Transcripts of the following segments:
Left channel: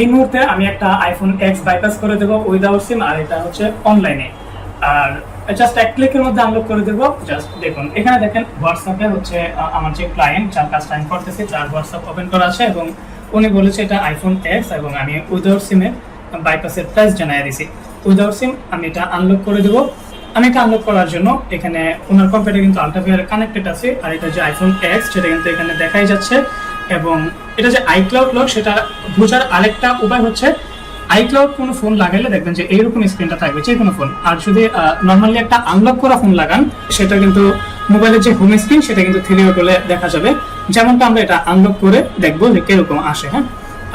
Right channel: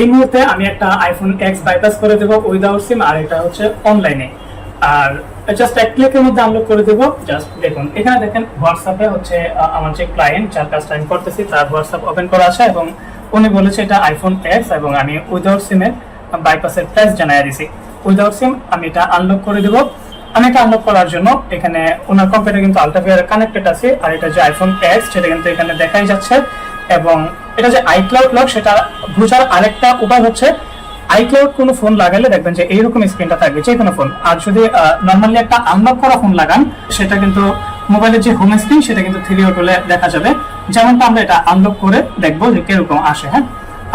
এই মুহূর্তে আমি একটা আইফোন এক্স বাইপাস করে দেবো উইদাউট সিম আর এটা হচ্ছে অনলাইনে আর জাস্ট এক ক্লিকের মধ্যে আনলক করে দেবো। জাস্ট দেখুন, এখানে দেখেন হোয়াটসঅ্যাপে হচ্ছে আমার যে ক্লায়েন্ট যার কাজটা আমি করতেছি, তার হোয়াটসঅ্যাপ ওপেন করা আছে এবং উনি বলেছে এটা আইফোন এক্স এবং আমি উইদাউট সিমের বাইপাসের প্রাইস জানাই দিছি। উইদাউট সিম আমি এটা আনলক করে দেবো। আমি এটা আনলক করার জন্য এখানে ওনার কম্পিউটার কিন্তু আলট্রাফিয়ার কানেক্টেড আছে, আর এটা যে আইফোন এক্স সেটা কিন্তু এখানে দেখাই যাচ্ছে। এবং এটা যে আইক্লাউড লক সেটা বোঝার আরেকটা উপায় হচ্ছে আইক্লাউড কোনো ফোন লাগালে দেখবেন যে এইরকম স্ক্রিনটা থাকবে যে কোনো ফোন আর যদি নর্মালি একটা আনলক করা ফোন লাগান, সেটা কিন্তু মোবাইলের যে হোম স্ক্রিন সেটা কিন্তু থ্রি বলে দেখা যাবে। যেমনটা আমরা এটা আনলক করে দেখব যে কীরকম আসে হ্যাঁ?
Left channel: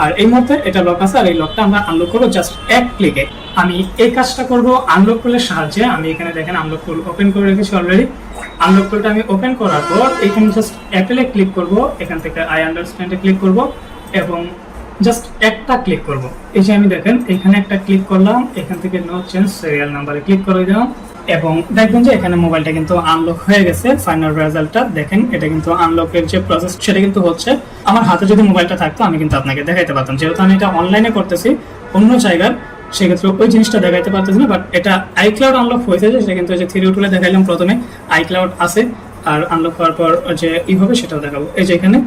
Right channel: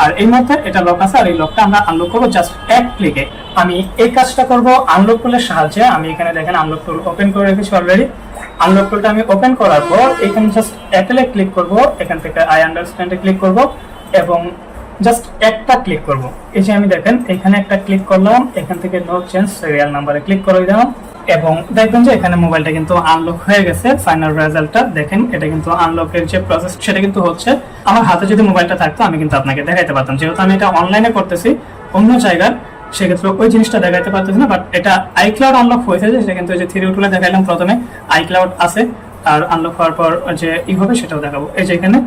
আর এই মধ্যে এটা লক আছে, আর এই লকটা আমরা আনলক করব জাস্ট এক ক্লিকে আমি এই কাজটা করব আনলক করলে সাহায্যে, আমি এখানে দেখেন আনলক ওপেন করে রেখেছি অলরেডি আনলক করতে আমি ওপেন করার পর, এখানে জাস্ট অ্যাপেলে ক্লিক করব, এখান থেকে আই আন্ডারস্ট্যান্ডে ক্লিক করব, এবং জাস্ট একটা ক্লিক করব। এই যে আমি দেখেন, এখানে একটা ক্লিক করলাম, এখান থেকে নো চেঞ্জ সিরিয়াল নাম্বারে ক্লিক করে দিলাম, এবং দেখবেন যে এখানে মোবাইলটা কিন্তু আনলক হয়ে গেছে ফাইনাল রেজাল্টটা দেখেন, এটা কিন্তু আনলকের যে প্রসেস সেটা কিন্তু হচ্ছে, আমার হাতে যদি মোবাইলটা থাকতো, আমি কিন্তু আপনাকে দেখাইতে পারতাম। যেহেতু আমি এটা অনলাইনে করতেছি, অন্য জায়গার সেক্ষেত্রে ওই জিনিসটা দেখাইতে পারতেছি না বাট এটা আইক্লাউড আনলক হয়েছে যে, সেটা কিন্তু যে থ্রি টুলে দেখাইলাম প্রথমে আইক্লাউড আছে, আর আনলক হওয়ার পর যে ই হবে সেটাও দেখাবো। এই যে এখানে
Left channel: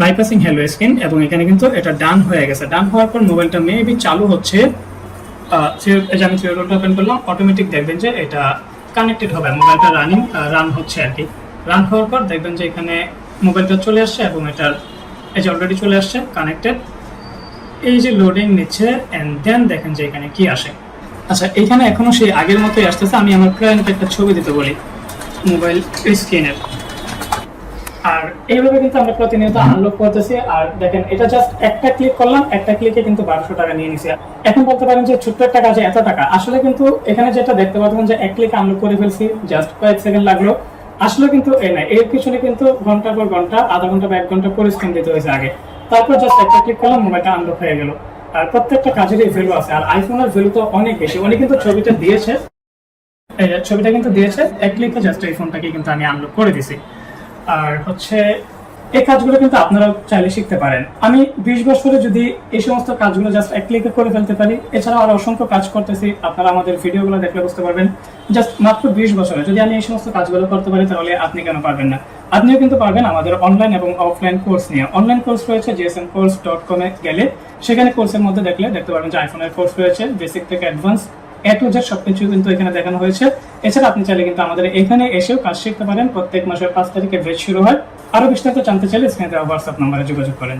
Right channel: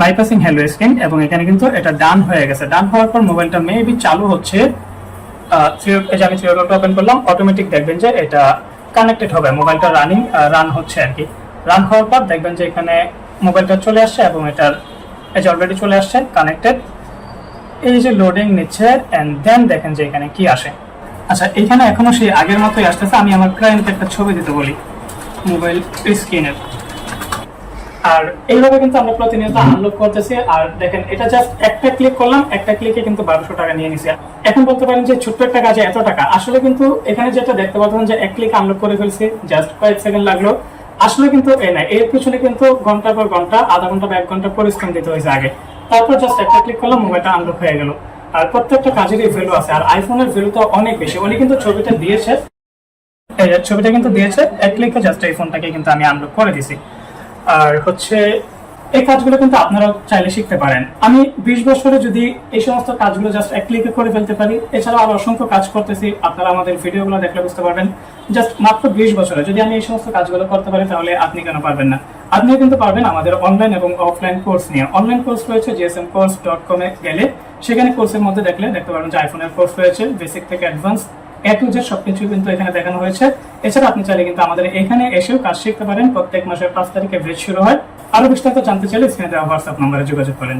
বাইপাসিং হ্যালো স্ক্রিন এবং এখানে কিন্তু এটা ডান হয়ে গেছে। ডান হওয়ার পর মোবাইলটা মেবি চালু হচ্ছে আমি থ্রি ওপেন করলাম অটোমেটিক দেখবেন যে এটা কানেক্টেড হবে, মোবাইলটা রানিং রান হচ্ছে আর কি। রান হওয়ার পর দেখবেন যে এখানে মোবাইলটা চলে আসছে, এবং এটার এই যে অলরেডি চলে আসছে কানেক্টেড এই যে লোডিং নিচ্ছে এন্ড দেন দেখেন যে এখানে কি আসে। আচ্ছা এখানে এখনও সেই আগের মতোই আসতেছে, আমি আমার ক্লায়েন্টকে একটা ছবি দিতে বলি মোবাইল স্ক্রিনের আর এইভাবে কিন্তু আমরা প্রতিনিয়ত আনলক করতেছি, আর দেখেন, এটা জাস্ট একটা ক্লিক করলাম, একটা ক্লিকে কিন্তু বারোশো টাকা নিয়ে নিছে। এখন বলতে পারেন যে ছোট্ট একটা কাজে এত টাকা, আসলে কিন্তু এখানে যেটা দেখতে পাচ্ছেন যে এক ক্লিক আনলক করে ফেলছি জাস্ট কয়েক সেকেন্ড লাগল। আসলে কিন্তু এই না, এর পিছনে কিন্তু ঘণ্টা পর ঘণ্টা, আধা ঘণ্টা বা এক ঘণ্টা পরিশ্রম দিতে হয়েছে আগে। তারপর জাস্ট একটা ক্লিক করলাম মোবাইলটা আনলক হয়ে গেল। আর প্রত্যেকটা কাজেরই ভ্যালু আছে। আর আইফোনের ভ্যালু তো অনেক বেশি। উনি কিন্তু ছবিটা দিয়েছে ছবিটা কিন্তু দিয়েছে, এক ক্লিকে জাস্ট এই ফোনটাকে কিন্তু আমি আনলক করে দিছি। আর হচ্ছে, এই কাজগুলো কিন্তু আপনারাও চাইলে শিখতে পারেন। আমি বিশ বছরে যদি এই সমস্ত কাজগুলো জাস্ট এক ক্লিকে করে ফেলতে পারি এছাড়া আরও অসংখ্য কাজ করতেছি। আপনারা আমাদের ভিডিওগুলো দেখলে বুঝতে পারবেন। জাস্ট মাত্র বিশ বছরে যদি আমি এই সমস্ত কাজগুলো করতে পারি, তাহলে আপনি কেন পারবেন না? আপনিও কিন্তু পারবেন আমাদের অনলাইন এবং অফলাইন কোর্স নিয়ে অনলাইন কোর্স রয়েছে জিএসএম কোর্স ডট কমে গেলে, সেখানে কোর্সের মধ্যে দেখলে দেখতে পারবেন যে আইফোনের কোর্স রয়েছে বেসিক থেকে অ্যাডভান্স এ টু জেড সবকিছু কিন্তু এখানে দেখানো হয়েছে। এছাড়া আপনি চাইলে কিন্তু আমাদের এখানে এসেও কাজ শিখতে পারেন। প্রত্যেক মাসের পাঁচ তারিখে ভেজ শুরু হয়। আরও বিস্তারিত জানতে চাইলে স্ক্রিনে দেওয়া হোয়াটসঅ্যাপ নম্বরে যোগাযোগ করেন।